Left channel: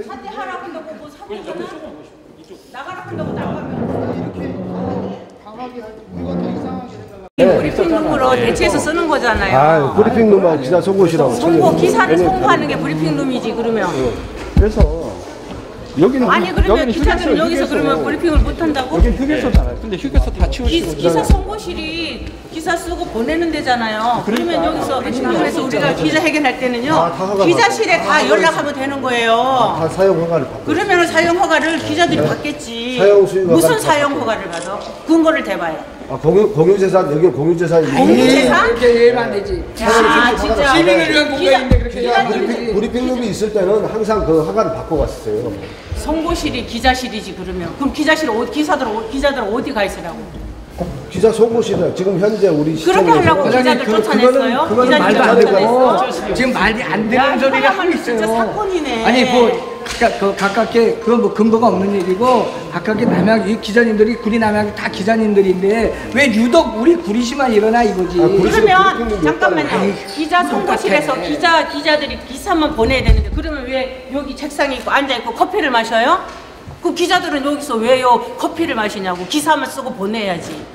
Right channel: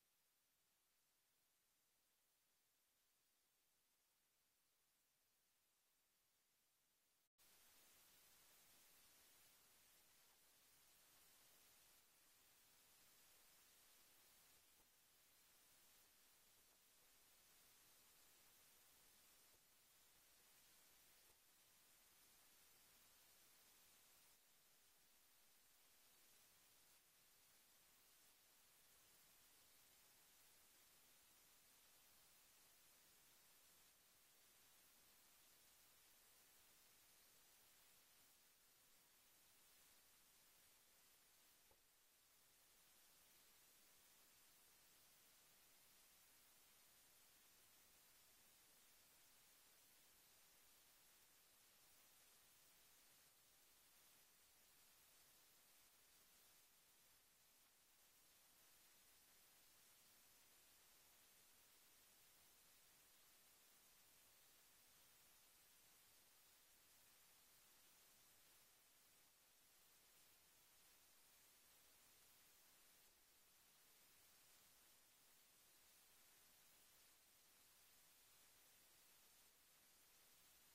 사퇴하라고 한다고 뭐 사퇴하나? 나가라 한다고 나가면 이렇게 강하게 할 때 우리가 더 이상하게 브리핑룸으로 대체해서 쓰는 거잖아요. 아, 브리핑룸하고 기사 송고시라고. 송고 기사를 송고하는 게 브리핑룸이지 그러면. 그래서 여기는 아니 그러면 기자들은 여기서 그러면 브리핑을 못 한다고? 여기는 휴게소잖아요. 근데 휴게소 다 치우시고. 기사 송고실이 기사 쓰고 보내는 데잖아요. 그러면 여기서 그래서 우리가 기자 회견할 때는요. 기자실에 다 연락하면 되는 거예요. 다 사용 허가를 받고. 그러면 사용 허가를 기자들이 받겠지. 사용 수익 허가를 무슨 사용 허가를 받아? 근거를 대봐요. 아, 공유재산, 여기 공유재산이. 공유재산? 이렇게 이해면 안 되지. 아 진짜. 시민을 위한 공간인데 그렇게 기자님 브리핑룸이 있을 때는 항상 그 허가를 받고 갔었어요. 송고실이 기자실이지 그러면. 그럼 기자실 기자들 어디 가 있으라고? 기자 송고실은 지금 현재 우리 그렇게 하려고 기자들 쫓아냈어요? 그거는 기자들 말도 안 쫓아냈어? 지금 말이 안 되는 소리를 하고 있어요. 진짜 사건이네. 아니 가깝게 그건 뭐 근거가 없는 일이고 가깝게 이 기자님들이 구리 남양이 다 기자님들인데 왜 유독 우리 구리시만 일어나 이거지. 그러면 잠깐만요. 기자 송고실에서 기자들이 기사만 보내야 되는데 그러면 왜 여기 책상에 있고 앉아 있고 커피를 마셔요? 그 기자들은 여기서 왜요 커피를 마시냐고. 기사만 쓰고 보내야지.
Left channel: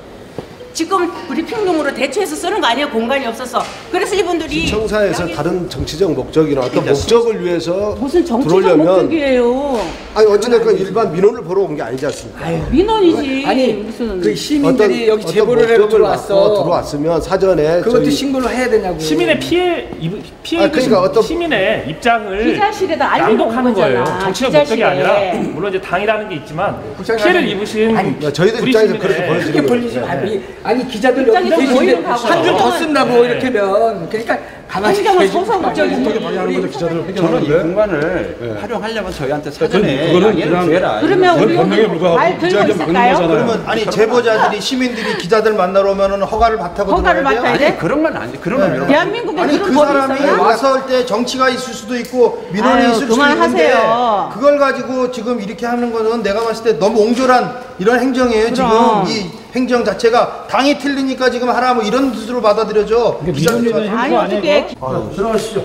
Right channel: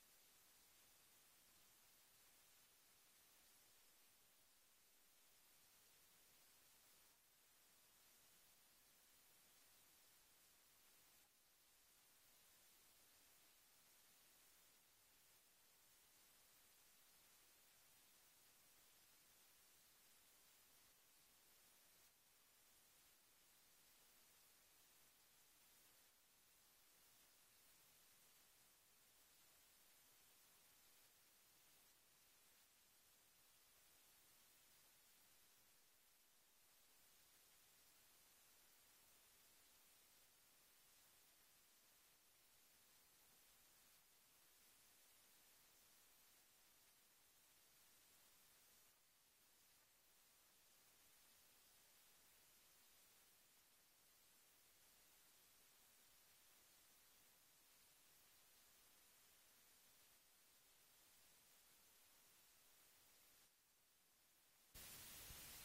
지금 브리핑룸으로 대체해서 쓰는 거 아니에요? 공간이 없어서. 그래서 이분들이 청사에서 다른 정치적 목적이나 어떤 목적을 위해서 무슨 정치적 들어오려면 목적이에요? 아니 어찌됐건 일반 민원을 보러 온 게 아니지 않습니까? 민원이지. 아니 무슨 그 시민들이 여기 제보를 해서 들어왔어. 들어왔으면 사전에 그것도 신고를 해야 되냐고. 시민의 피해 그러니까 어떤 시민의 입장을 기자실에다 알리고 온 낭독하는 거예요. 거잖아. 정치적 기자실에. 목적이 아니라 물론 이제 당이라는 게 있지만 피해를 입으신 저희들 우리 입장에서 시민의 그렇게 그렇게 보여지는 벌리지 거예요. 말고 아니 기자들 여기 입장에서 계신데 모이는 거하고 한 줄 더 그거는 쓴다고 이렇게면 그러니까 가만히 행정은 계시지 소소목적이지. 저는 이 공간을 활용하려면 저희한테 사전에 양해를 구해라. 그러면 우리 말 들고 있을까요? 그러면 아니 제보자들이 시민들이 기자들 만나러 오면은 허가를 받다고 허가를 들어야 돼요? 받아야 돼? 아니 그런 건 아니지. 그런 건 이런 대한민국에 아니 그런 그 법이 사람이 있어요? 와서 할 때 정치가 있을 수도 있고 민원이 아유, 있을 수도 그만하세요. 있는데 그걸 가지고 지금 이렇게 하는 거는 내가 봤을 때 너무 옹졸한 이런 행정이에요. 그럼. 지금 이 행정 자체가 당이 틀리니까 지금 하라 뭐 이런 뜻으로 받아들여져. 아니 어떻게 들어가시죠.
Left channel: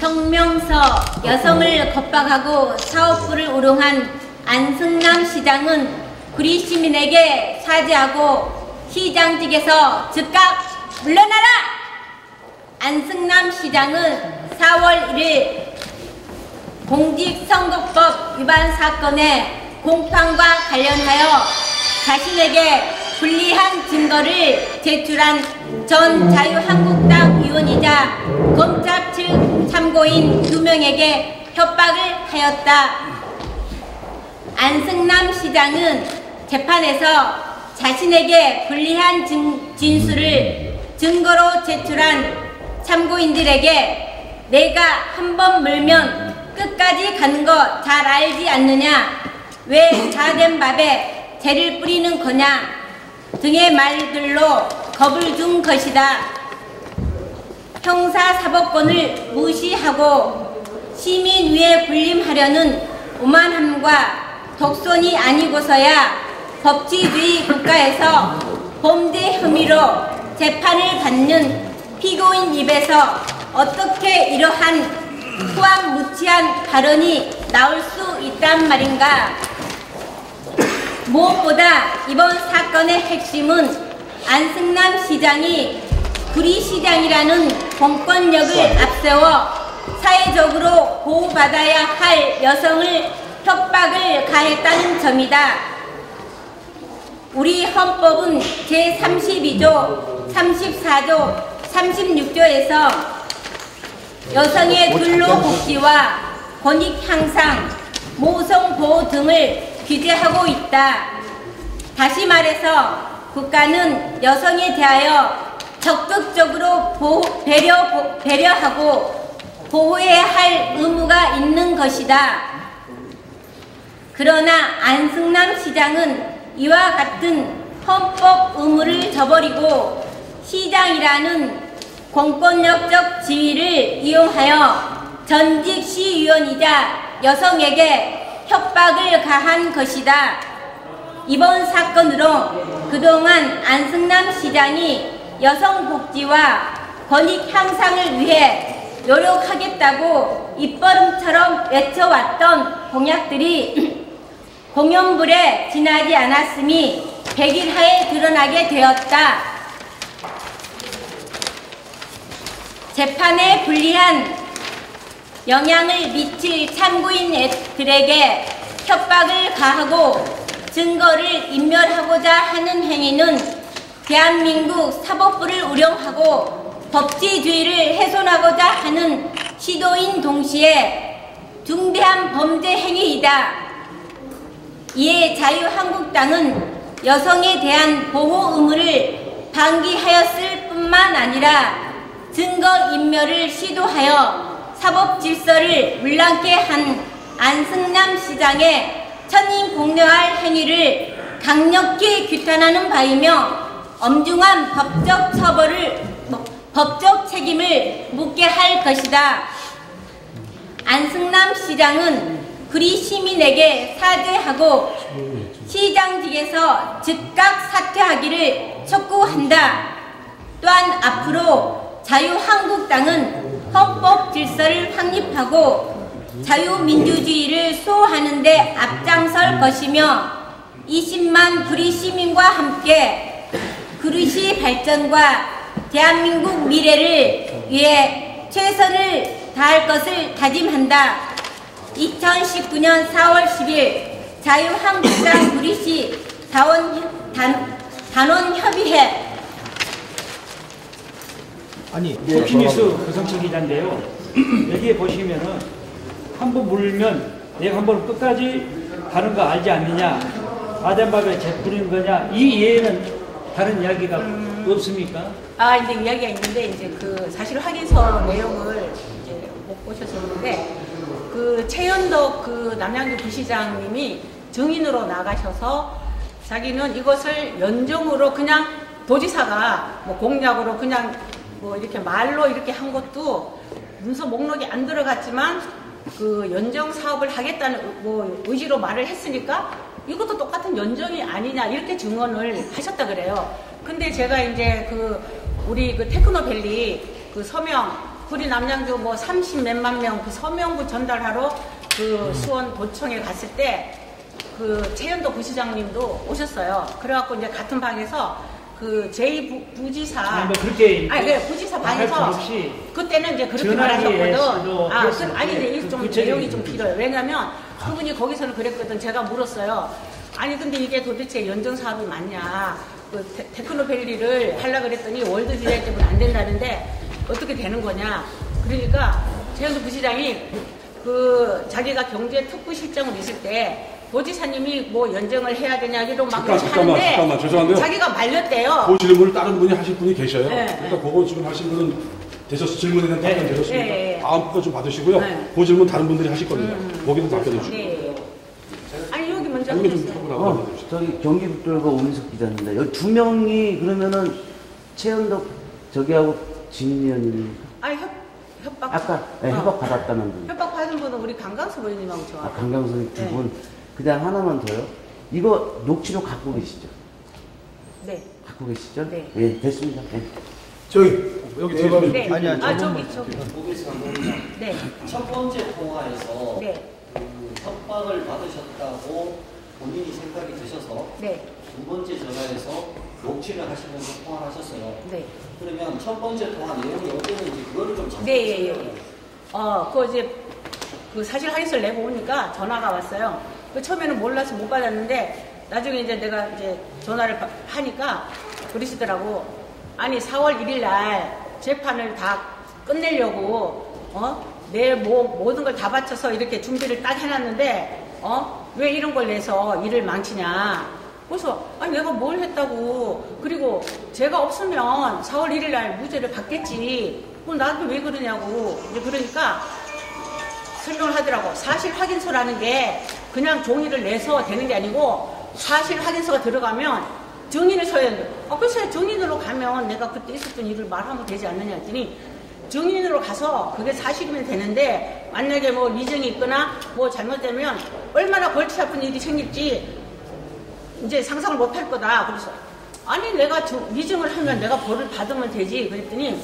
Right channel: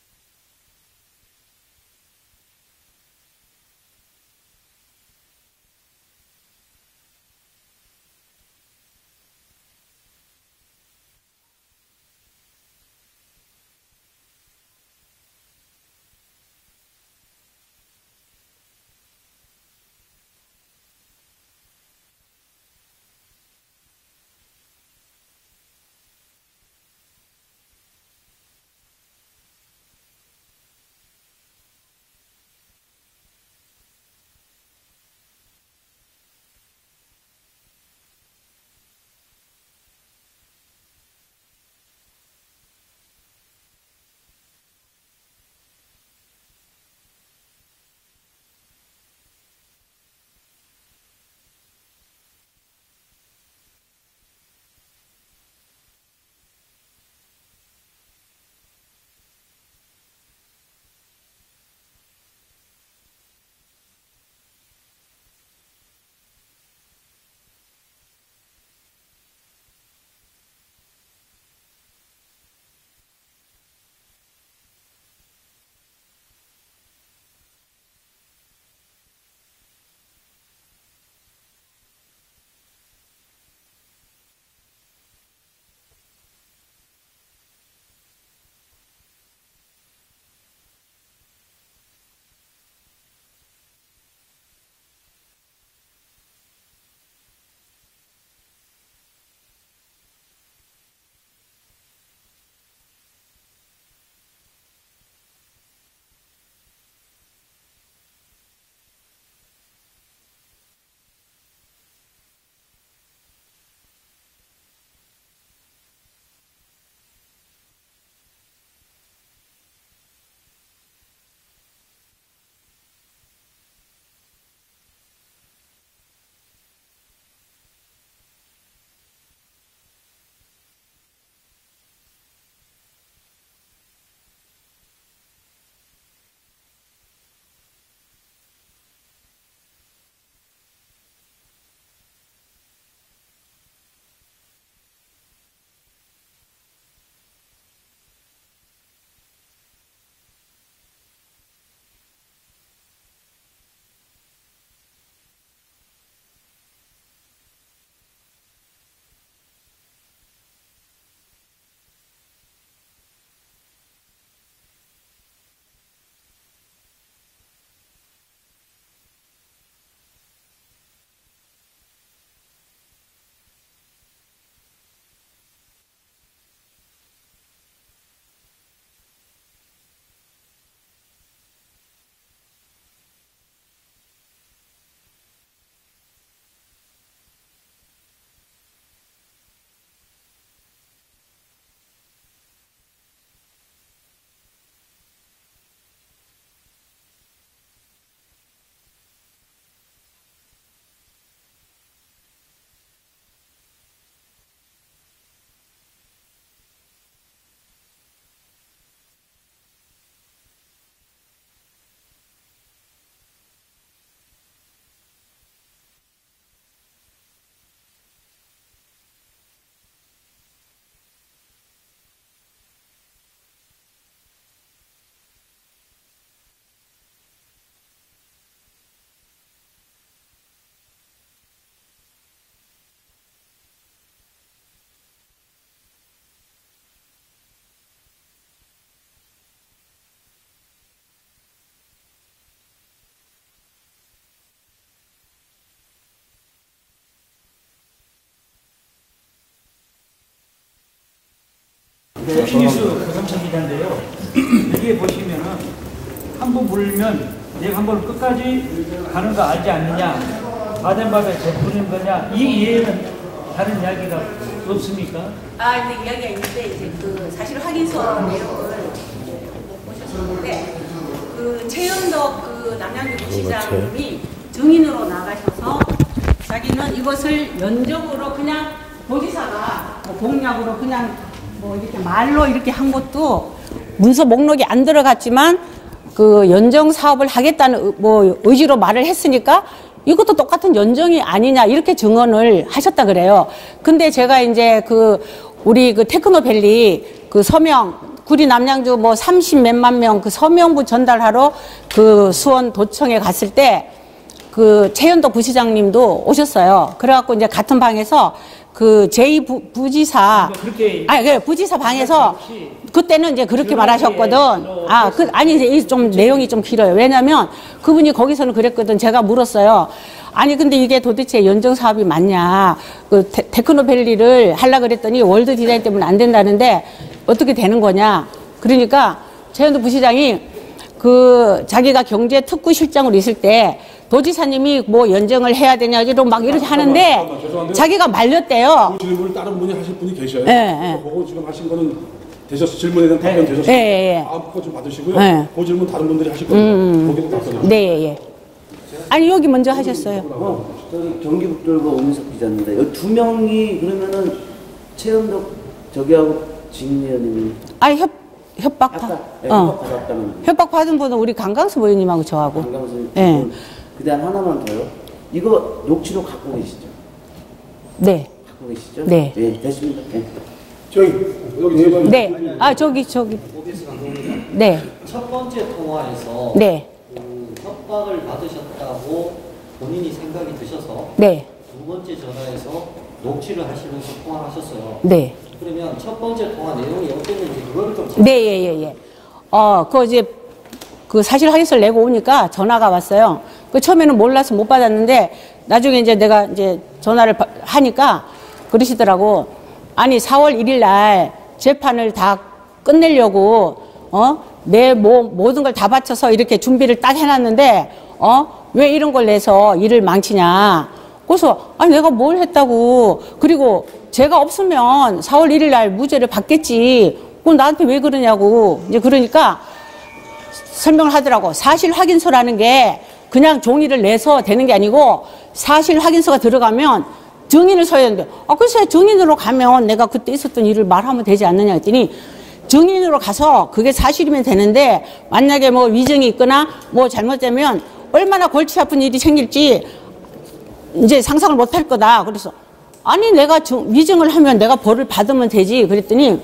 성명서 여성을 겁박하고 사업부를 우롱한 안승남 시장은 구리 시민에게 사죄하고 시장직에서 즉각 물러나라! 안승남 시장은 4월 1일 공직선거법 위반 사건의 공판과 관련하여 자신에게 불리한 증거를 제출한 전 자유한국당 의원이자 검찰 측 참고인 2명에게 협박을 하였다. 안승남 시장은 재판에서 자신에게 불리한 진술을 증거로 제출한 참고인들에게 내가 한번 물면 끝까지 가는 거 잘 알지 않느냐, 왜 다 된 밥에 재를 뿌리는 거냐 등의 말들로 겁을 준 것이다. 형사사법권을 무시하고 시민위에 군림하려는 오만함과 독선이 아니고서야 법치주의 국가에서 범죄 혐의로 재판을 받는 피고인 입에서 어떻게 이러한 후안무치한 발언이 나올 수 있단 말인가. 무엇보다 이번 사건의 핵심은 안승남 시장이 구리시장이라는 공권력을 앞세워 사회적으로 보호받아야 할 여성을 협박을 가했다는 점이다. 우리 헌법은 제32조, 34조, 36조에서 여성의 근로복지와 권익 향상, 모성 보호 등을 규제하고 있다. 다시 말해서 국가는 여성에 대하여 적극적으로 배려하고 보호해야 할 의무가 있는 것이다. 그러나 안승남 시장은 이와 같은 헌법 의무를 저버리고 시장이라는 공권력적 지위를 이용하여 전직 시의원이자 여성에게 협박을 가한 것이다. 이번 사건으로 그동안 안승남 시장이 여성 복지와 권익 향상을 위해 노력하겠다고 입버릇처럼 외쳐왔던 공약들이 공연불에 지나지 않았음이 100일 하에 드러나게 되었다. 재판에 불리한 영향을 미칠 참고인들에게 협박을 가하고 증거를 인멸하고자 하는 행위는 대한민국 사법부를 우려하고 법치주의를 훼손하고자 하는 시도인 동시에 중대한 범죄 행위이다. 이에 자유한국당은 여성에 대한 보호 의무를 방기하였을 뿐만 아니라 증거 인멸을 시도하여 사법 질서를 물랑케 한 안승남 시장의 천인공노할 행위를 강력히 규탄하는 바이며 엄중한 법적 책임을 묻게 할 것이다. 안승남 시장은 구리 시민에게 사죄하고 시장직에서 즉각 사퇴하기를 촉구한다. 또한 앞으로 자유한국당은 헌법 질서를 확립하고 자유민주주의를 수호하는 데 앞장설 것이며 20만 구리 시민과 함께 구리시 발전과 대한민국 미래를 위해 최선을 다할 것을 다짐한다. 2019년 4월 10일 자유한국당 구리시 단원협의회. 토키뉴스 배상철 기자인데요. 여기에 보시면은 한 번 물면 내가 한 번 끝까지 가는 거 알지 않느냐, 가덴밥에 재뿌리는 거냐, 이 이외에는 다른 이야기가 없습니까? 이제 이야기가 있는데, 이제 그 사실 확인서 내용을 이제 못 보셨었는데, 그 최연덕 그 남양주 부시장님이 증인으로 나가셔서 자기는 이것을 연정으로 그냥 도지사가 뭐 공약으로 그냥 뭐 이렇게 말로 이렇게 한 것도 문서 목록이 안 들어갔지만 그 연정 사업을 하겠다는 뭐 의지로 말을 했으니까 이것도 똑같은 연정이 아니냐 이렇게 증언을 하셨다 그래요. 근데 제가 이제 그 우리 그 테크노밸리 그 서명 구리 남양주 뭐 30몇만 명 그 서명부 전달하러 그 수원 도청에 갔을 때 그 최연덕 부시장님도 오셨어요. 그래갖고 이제 같은 방에서 그 제2부지사 부지사 방에서 그때는 이제 그렇게 말하셨거든. 아니 이제 좀 내용이 좀 길어요. 왜냐면 그분이 거기서는 그랬거든. 제가 물었어요. 아니 근데 이게 도대체 연정 사업이 맞냐? 그 테크노밸리를 하려 그랬더니 월드 디자인 때문에 안 된다는데 어떻게 되는 거냐? 그러니까 최연덕 부시장이 그 자기가 경제특구실장으로 있을 때 도지사님이 뭐 연정을 해야 되냐 이런 막 이렇게 하는데 죄송한데요. 자기가 말렸대요. 그 질문을 다른 분이 하실 분이 계셔요. 그러니까 그거 지금 하신 거는 되셔서 질문에 대한 답변 되셨어요. 다음 거 좀 받으시고요. 그 질문 다른 분들이 하실 겁니다. 거기도 답변해 주시죠. 네. 아니 여기 먼저 하셨어요. 저기 경기북도가 오민석 기자입니다. 여기 두 명이 그러면은 최연덕 저기하고 진의원님. 협박. 아까 협박 받았다는. 협박 받은 분은 우리 강강수 의원님하고 저하고. 강강수 의원님. 그다음 하나만 더요. 이거 녹취록 갖고 계시죠? 네. 갖고 계시죠? 네. 네, 됐습니다. 네. 여기 네. 저기. 네. 첫 번째 통화에서 네. 협박을 받으셨다고 본인이 생각이 드셔서 네. 두 번째 전화에서 녹취를 하시면서 통화를 하셨어요. 네. 그러면 첫 번째 통화 내용이 어땠는지 그거를 좀 네. 그 이제 그 사실 확인서를 내고 오니까 전화가 왔어요. 그 처음에는 몰라서 못 받았는데 나중에 이제 내가 이제 전화를 하니까 그러시더라고. 아니 4월 1일 날 재판을 다 끝내려고 내 모든 걸 다 바쳐서 이렇게 준비를 딱 해놨는데 왜 이런 걸 내서 일을 망치냐. 그래서 아니 내가 뭘 했다고. 그리고 제가 없으면 4월 1일 날 무죄를 받겠지. 그럼 나한테 왜 그러냐고. 이제 그러니까 설명을 하더라고. 사실 확인서라는 게 그냥 종이를 내서 되는 게 아니고 사실 확인서가 들어가면 증인을 서야 되는데 글쎄 증인으로 가면 내가 그때 있었던 일을 말하면 되지 않느냐 했더니 증인으로 가서 그게 사실이면 되는데 만약에 뭐 위증이 있거나 뭐 잘못되면 얼마나 골치 아픈 일이 생길지 이제 상상을 못 할 거다. 그래서 아니 내가 위증을 하면 내가 벌을 받으면 되지. 그랬더니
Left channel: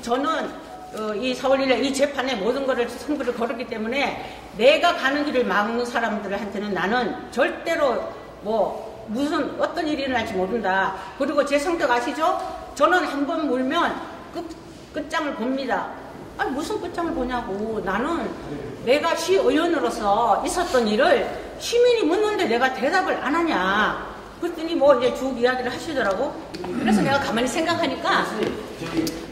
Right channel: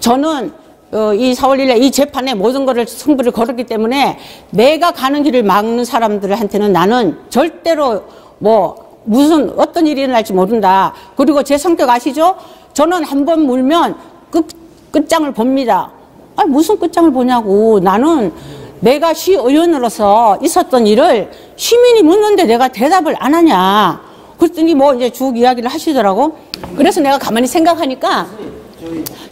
저는 이 4월 1일 이 재판에 모든 거를 승부를 걸었기 때문에 내가 가는 길을 막는 사람들한테는 나는 절대로 뭐 무슨 어떤 일이 일어날지 모른다. 그리고 제 성격 아시죠? 저는 한번 물면 끝장을 봅니다. 아니 무슨 끝장을 보냐고. 나는 내가 시의원으로서 있었던 일을 시민이 묻는데 내가 대답을 안 하냐. 그랬더니 뭐 이제 쭉 이야기를 하시더라고. 그래서 내가 가만히 생각하니까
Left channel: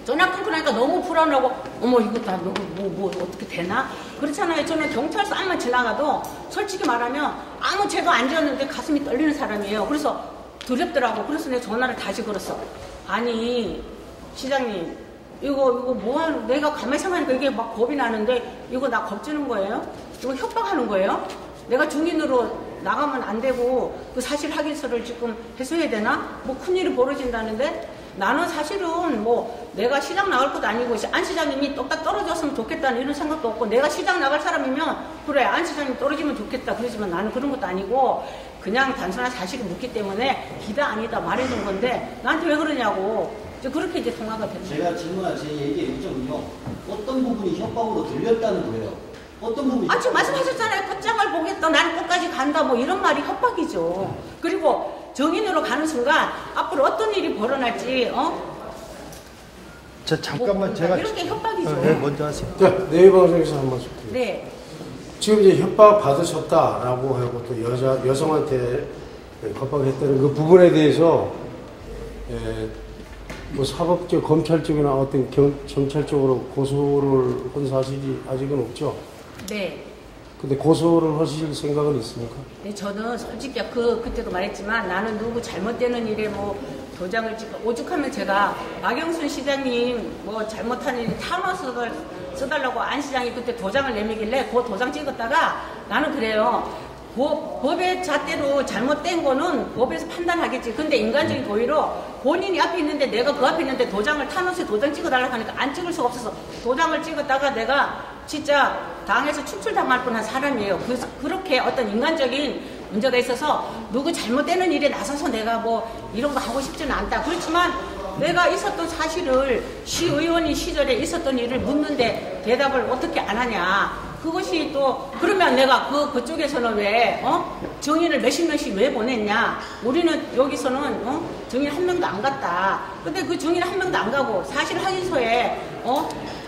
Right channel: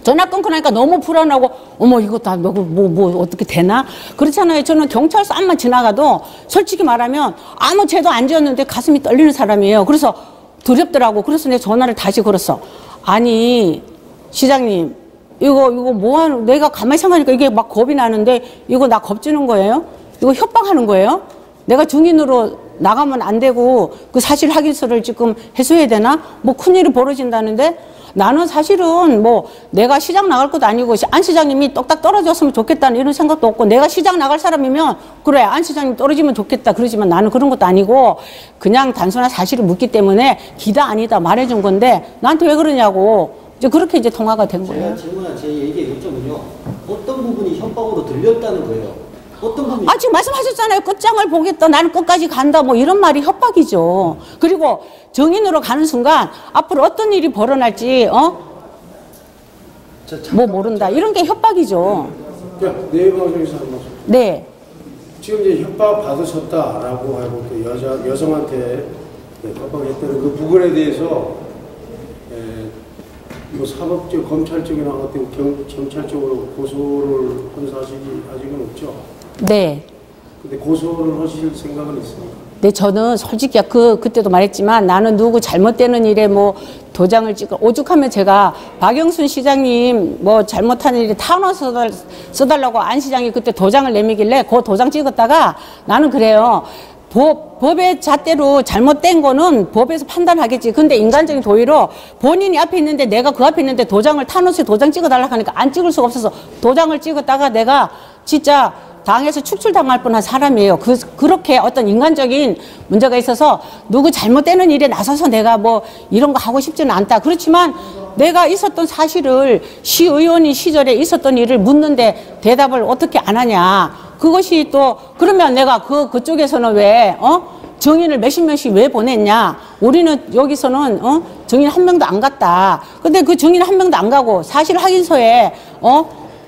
전화 끊고 나니까 너무 불안하고 어머 이거 다 뭐 어떻게 되나? 그렇잖아요. 저는 경찰서 앞만 지나가도 솔직히 말하면 아무 죄도 안 지었는데 가슴이 떨리는 사람이에요. 그래서 두렵더라고. 그래서 내가 전화를 다시 걸었어. 아니 시장님 이거 뭐하는 내가 가만히 생각하니까 이게 막 겁이 나는데 이거 나 겁주는 거예요? 이거 협박하는 거예요? 내가 증인으로 나가면 안 되고 그 사실 확인서를 지금 해소해야 되나? 뭐 큰일이 벌어진다는데 나는 사실은 뭐 내가 시장 나갈 것도 아니고 안 시장님이 똑딱 떨어졌으면 좋겠다는 이런 생각도 없고 내가 시장 나갈 사람이면 그래 안 시장님 떨어지면 좋겠다 그러지만 나는 그런 것도 아니고 그냥 단순한 사실을 묻기 때문에 기다 아니다 말해준 건데 나한테 왜 그러냐고 이제 그렇게 이제 통화가 된 거예요. 제가 질문한 제 얘기의 요점은요. 어떤 부분이 협박으로 들렸다는 거예요. 어떤 부분이 지금 말씀하셨잖아요. 끝장을 보겠다. 나는 끝까지 간다. 뭐 이런 말이 협박이죠. 그리고 정인으로 가는 순간 앞으로 어떤 일이 벌어날지 뭐 모른다. 이런 게 협박이죠. 자, 네이버에서 한 말씀. 네. 지금 이제 협박 받으셨다라고 하고 또 여성한테 협박을 했다는 그 부분에 대해서 뭐 사법적, 검찰적이나 어떤 경찰 쪽으로 고소를 한 사실이 아직은 없죠. 네. 근데 고소를 하실 생각은 있습니까? 네, 저는 솔직히 그때도 말했지만 나는 누구 잘못되는 일에 뭐 도장을 찍어 오죽하면 제가 박영순 시장님 뭐 잘못한 일에 타운하우스 써달라고 안 시장이 그때 도장을 내밀길래 그 도장 찍었다가 나는 그래요. 법의 잣대로 잘못된 거는 법에서 판단하겠지. 근데 인간적인 도의로 본인이 앞에 있는데 내가 그 앞에 있는데 도장을 타운하우스에 도장 찍어달라고 하니까 안 찍을 수가 없어서 도장을 찍었다가 내가 진짜 당에서 축출당할 뻔한 사람이에요. 그렇게 어떤 인간적인 문제가 있어서 누구 잘못되는 일에 나서서 내가 뭐 이런 거 하고 싶지는 않다. 그렇지만 내가 있었던 사실을 시의원인 시절에 있었던 일을 묻는데 대답을 어떻게 안 하냐. 그것이 또 그러면 내가 그쪽에서는 왜 증인을 몇십 명씩 왜 보냈냐. 우리는 여기서는 증인 한 명도 안 갔다. 근데 그 증인 한 명도 안 가고 사실 확인서에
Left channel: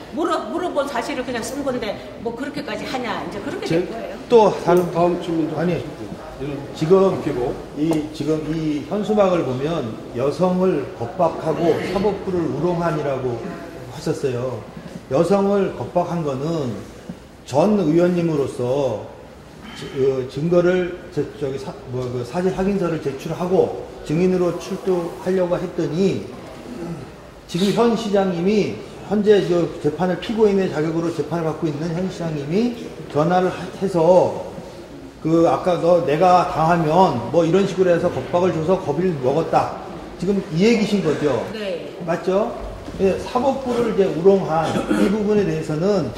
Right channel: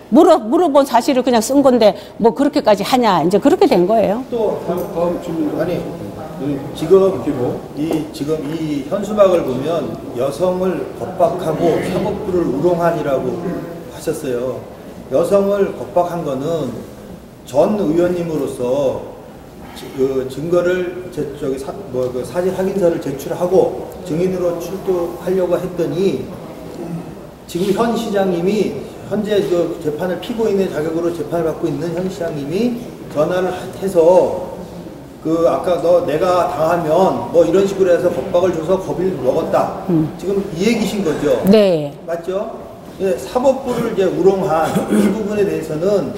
물어본 사실을 그냥 쓴 건데 뭐 그렇게까지 하냐. 이제 그렇게 된 거예요. 또 다음 질문. 아니 지금 이 현수막을 보면 여성을 겁박하고 사법부를 우롱한이라고 하셨어요. 여성을 겁박한 거는 전 의원님으로서 증거를 사실 확인서를 제출하고 증인으로 출두하려고 했더니 지금 현 시장님이 현재 그 재판을 피고인의 자격으로 재판을 받고 있는 현 시장님이 전화를 해서 아까 내가 당하면 뭐 이런 식으로 해서 겁박을 줘서 겁을 먹었다. 지금 이 얘기신 거죠? 네. 맞죠? 사법부를 이제 우롱한 이 부분에 대해서는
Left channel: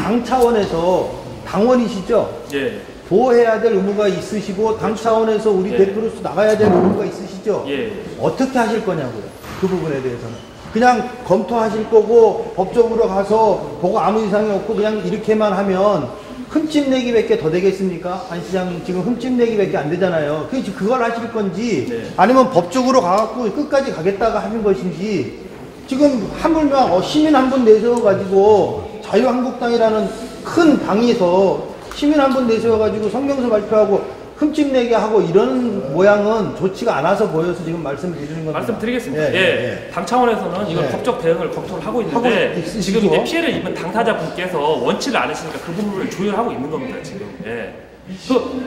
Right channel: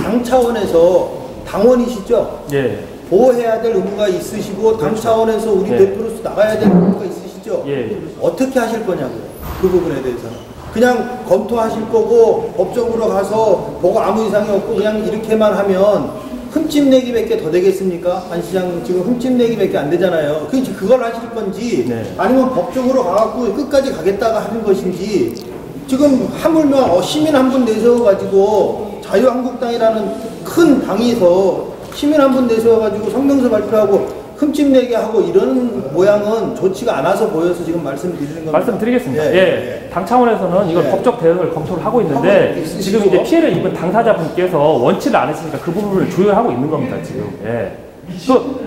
당 차원에서 당원이시죠? 예. 보호해야 될 의무가 있으시고 당 차원에서 우리 대표로서 나가야 될 의무가 있으시죠? 예. 어떻게 하실 거냐고요? 그 부분에 대해서. 그냥 검토하실 거고 법정으로 가서 뭐가 아무 이상이 없고 그냥 이렇게만 하면 흠집내기밖에 더 되겠습니까? 안 시장님 지금 흠집내기밖에 안 되잖아요. 그걸 하실 건지 네. 아니면 법적으로 가갖고 끝까지 가겠다가 하는 것인지 지금 하물며 시민 한 분 내세워가지고 자유한국당이라는 큰 당에서 시민 한 분 내세워가지고 성명서 발표하고 흠집내게 하고 이런 모양은 좋지가 않아서 보여서 지금 말씀드리는 겁니다. 말씀드리겠습니다. 예. 당 차원에서는 이걸 법적 대응을 검토를 하고 있는데 지금 이제 피해를 입은 당사자분께서 원치를 않으시니까 그 부분을 조율하고 있는 겁니다. 지금. 예.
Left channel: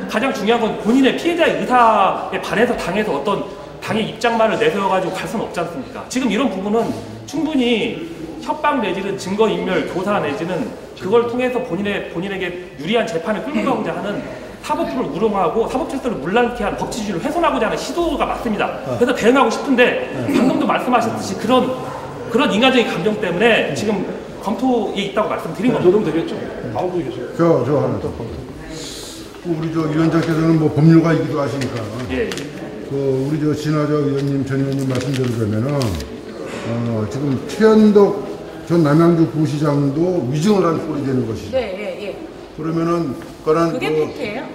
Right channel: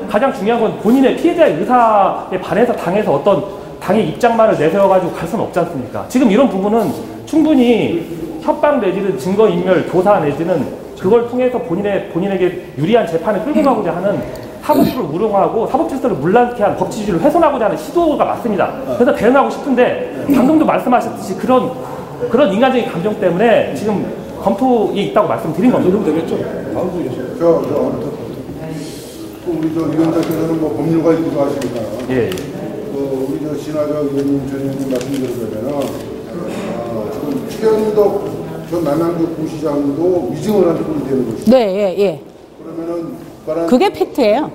가장 중요한 건 본인의 피해자의 의사에 반해서 당에서 어떤 당의 입장만을 내세워가지고 갈 수는 없지 않습니까? 지금 이런 부분은 충분히 협박 내지는 증거인멸, 교사 내지는 그걸 통해서 본인에게 유리한 재판을 끌고 가고자 하는 사법부를 우롱하고 사법 질서를 문란케 한 법치주의를 훼손하고자 하는 시도가 맞습니다. 그래서 대응하고 싶은데 방금도 말씀하셨듯이 그런 인간적인 감정 때문에 지금 검토에 있다고 말씀드린 겁니다. 정도 되겠죠? 다음도 되겠죠? 우리 위원장께서는 뭐 법률가이기도 하시니까. 예. 우리 진화적 의원님, 전 의원님 말씀대로 되면은 지금 최현덕 전 남양주 부시장도 위증을 한 꼴이 되는 것이죠. 네, 예. 그러면은 그게 팩트예요.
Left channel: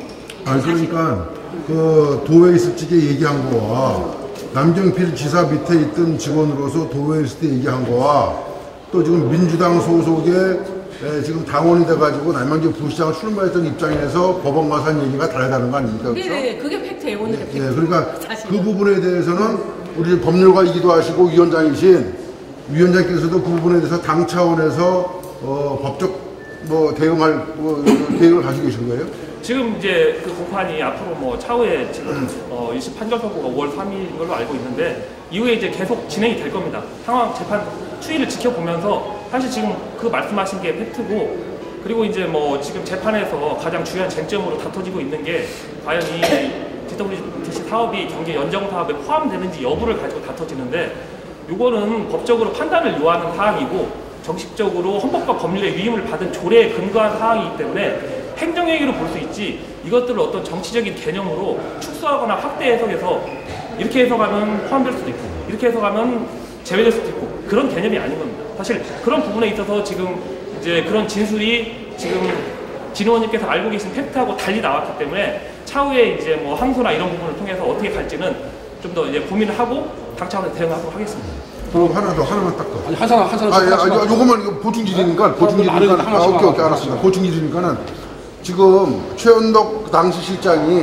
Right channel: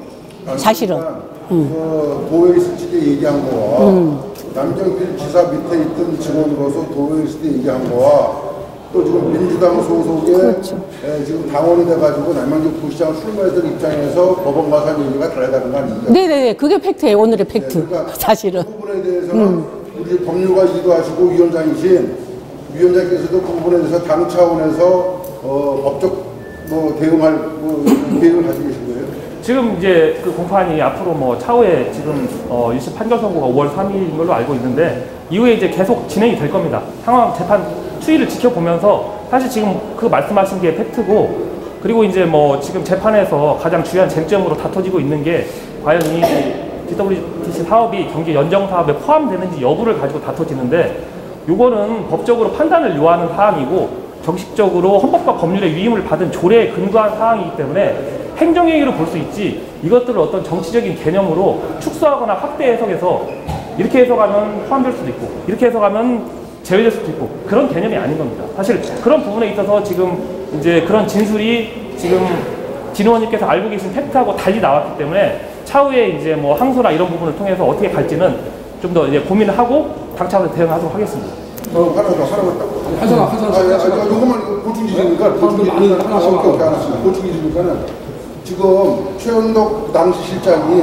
사실은. 그러니까 그 도에 있을 적에 얘기한 거와 남경필 지사 밑에 있던 직원으로서 도에 있을 때 얘기한 거와 또 지금 민주당 소속의 지금 당원이 돼가지고 남양주 부시장을 출마했던 입장에서 법원 가서 한 얘기가 다르다는 거 아닙니까? 네네, 그게 팩트예요. 오늘의 팩트. 네, 그러니까 사실은. 그 부분에 대해서는 우리 법률가이기도 하시고 위원장께서도 그 부분에 대해서 당 차원에서 법적 대응할 계획을 가지고 계신 거예요? 지금 이제 그 공판이 앞으로 뭐 차후에 지금 1심 판결 선고가 5월 3일인 걸로 알고 있는데 이후에 이제 계속 진행이 될 겁니다. 상황 재판 추이를 지켜보면서 사실 지금 그 말씀하신 게 팩트고 그리고 이제 뭐 지금 재판에서 가장 중요한 쟁점으로 다퉈지고 있는 게 과연 이 GWTC 사업이 경기 연정 사업에 포함되는지 여부를 가지고 다퉈지는데 이거는 법적으로 판단을 요하는 사항이고 정식적으로 헌법과 법률의 위임을 받은 조례에 근거한 사항이기 때문에 행정행위로 볼 수 있지 이것들을 어떤 정치적인 개념으로 축소하거나 확대 해석해서 이렇게 해석하면 포함될 수도 있고 이렇게 해석하면 제외될 수도 있고 그런 개념이 아닌 겁니다. 사실 그런 부분에 있어서 지금 이제 그런 진술이 지금 진 의원님께서 알고 계신 팩트하고 달리 나왔기 때문에 차후에 이제 뭐 항소나 이런 부분을 통해서 어떻게 갈지는 좀 더 이제 고민을 하고 당 차원에서 대응하도록 하겠습니다. 그럼 하나만 딱. 요거만 보충 질의니까 오케이, 알았습니다. 보충 질의니까는 지금 최은덕 당시 실장이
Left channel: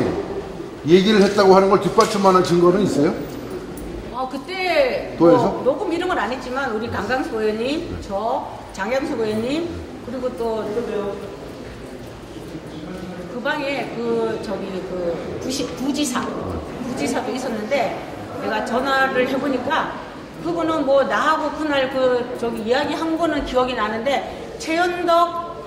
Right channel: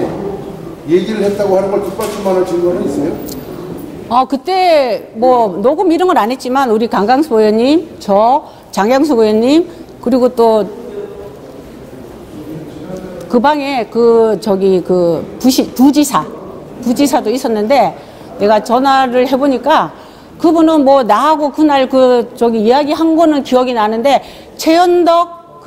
얘기를 했다고 하는 걸 뒷받침하는 증거는 있어요? 그때 뭐 녹음 이런 건 안 했지만 우리 강강수 의원님, 장경수 의원님 그리고 또 그 방에 부지사도 있었는데 내가 전화를 해보니까 그분은 뭐 나하고 그날 이야기한 거는 기억이 나는데 최연덕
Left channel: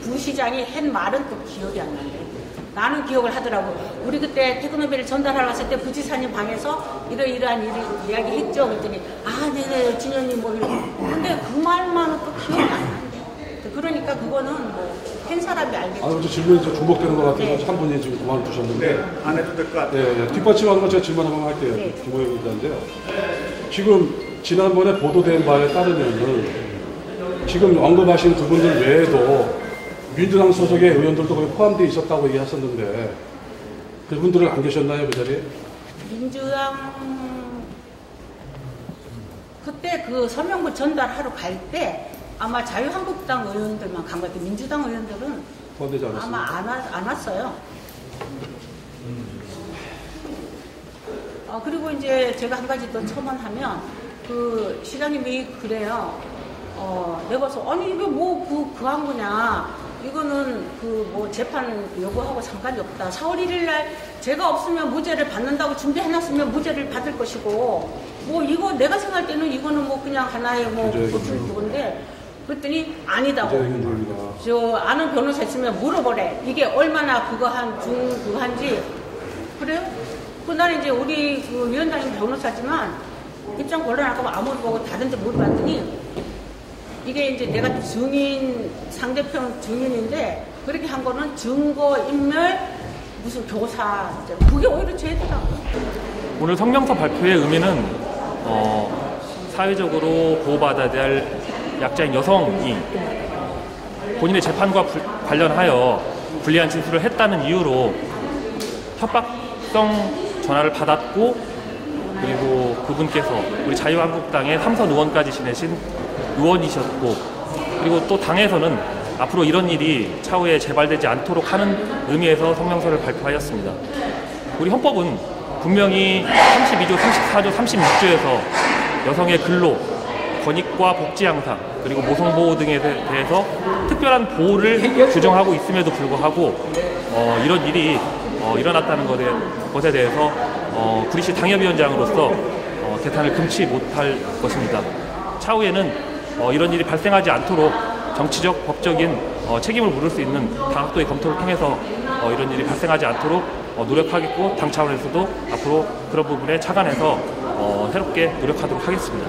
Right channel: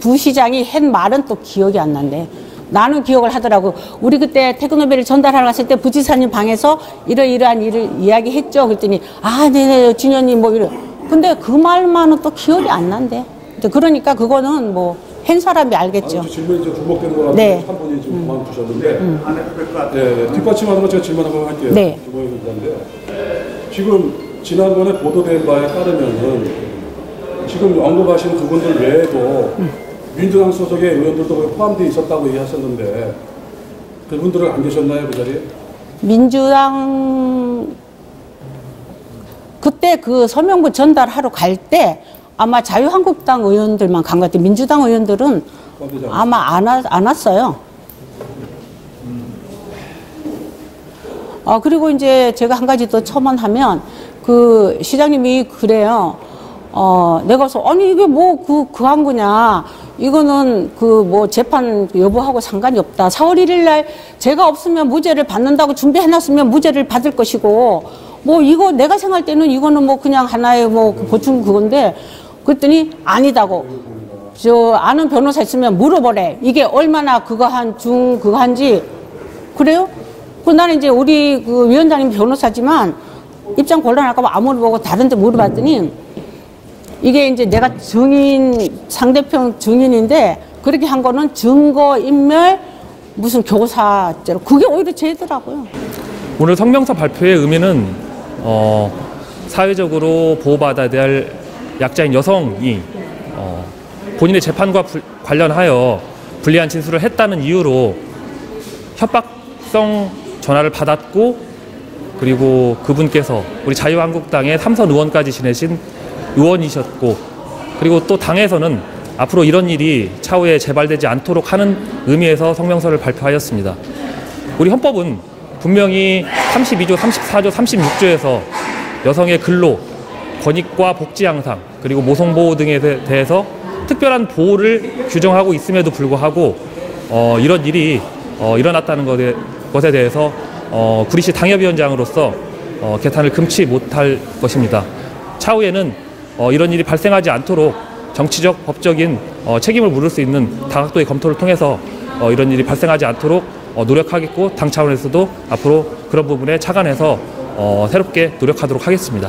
부시장이 한 말은 또 기억이 안 난대. 나는 기억을 하더라고. 우리 그때 태극노벨을 전달하러 갔을 때 부지사님 방에서 이러이러한 일을 이야기했죠. 그랬더니 네, 진현님 뭐 이러. 근데 그 말만은 또 기억이 안 난대. 그러니까 그거는 뭐 한 사람이 알겠죠. 질문이 좀 주목되는 거라서 네. 한 분이 지금 마음 주셨는데 안 해도 될 것 같아요. 네, 뒷받침하는 거 제가 질문 한번 할게요. 네. 김보영 기자인데요. 지금 지난번에 보도된 바에 따르면은 지금 언급하신 그분들 외에도 민주당 소속의 의원들도 거기 포함되어 있었다고 얘기하셨는데 그분들은 안 계셨나요, 그 자리에? 민주당 그때 그 서명부 전달하러 갈 때 아마 자유한국당 의원들만 간 것 같아요. 민주당 의원들은 아마 안 왔어요. 그리고 이제 제가 한 가지 더 첨언하면 그 시장님이 그래요. 내가 그래서 아니 이게 뭐 그 한 거냐. 이거는 그 뭐 재판 여부하고 상관이 없다. 4월 1일 날 제가 없으면 무죄를 받는다고 준비해놨으면 무죄를 받을 것이고 뭐 이거 내가 생각할 때는 이거는 뭐 그냥 하나의 뭐 보충 그건데 그랬더니 아니다고. 아는 변호사 있으면 물어보래. 이게 얼마나 그거 한지. 그래요? 나는 이제 우리 그 위원장님 변호사지만 입장 곤란할까봐 아무리 보고 다른 데 물어봤더니 이게 이제 내가 상대편 증인인데 그렇게 한 거는 증거인멸 무슨 교사죄로 그게 오히려 죄더라고요. 오늘 성명서 발표의 의미는 사회적으로 보호받아야 될 약자인 여성이 본인의 재판과 관련하여 불리한 진술을 했다는 이유로 협박성 전화를 받았고 그리고 그분께서 우리 자유한국당의 3선 의원까지 지내신 의원이셨고 그리고 또 당에서는 앞으로 이런 일이 차후에 재발되지 않도록 하는 의미에서 성명서를 발표하였습니다. 우리 헌법은 분명히 32조, 34조, 36조에서 여성의 근로, 권익과 복지 향상, 그리고 모성보호 등에 대해서 특별한 보호를 규정하고 있음에도 불구하고 이런 일이 일어났다는 것에 대해서 구리시 당협위원장으로서 개탄을 금치 못할 것입니다. 차후에는 이런 일이 발생하지 않도록 정치적, 법적인 책임을 물을 수 있는 다각도의 검토를 통해서 이런 일이 발생하지 않도록 노력하겠고 당 차원에서도 앞으로 그런 부분에 착안해서 새롭게 노력하도록 하겠습니다.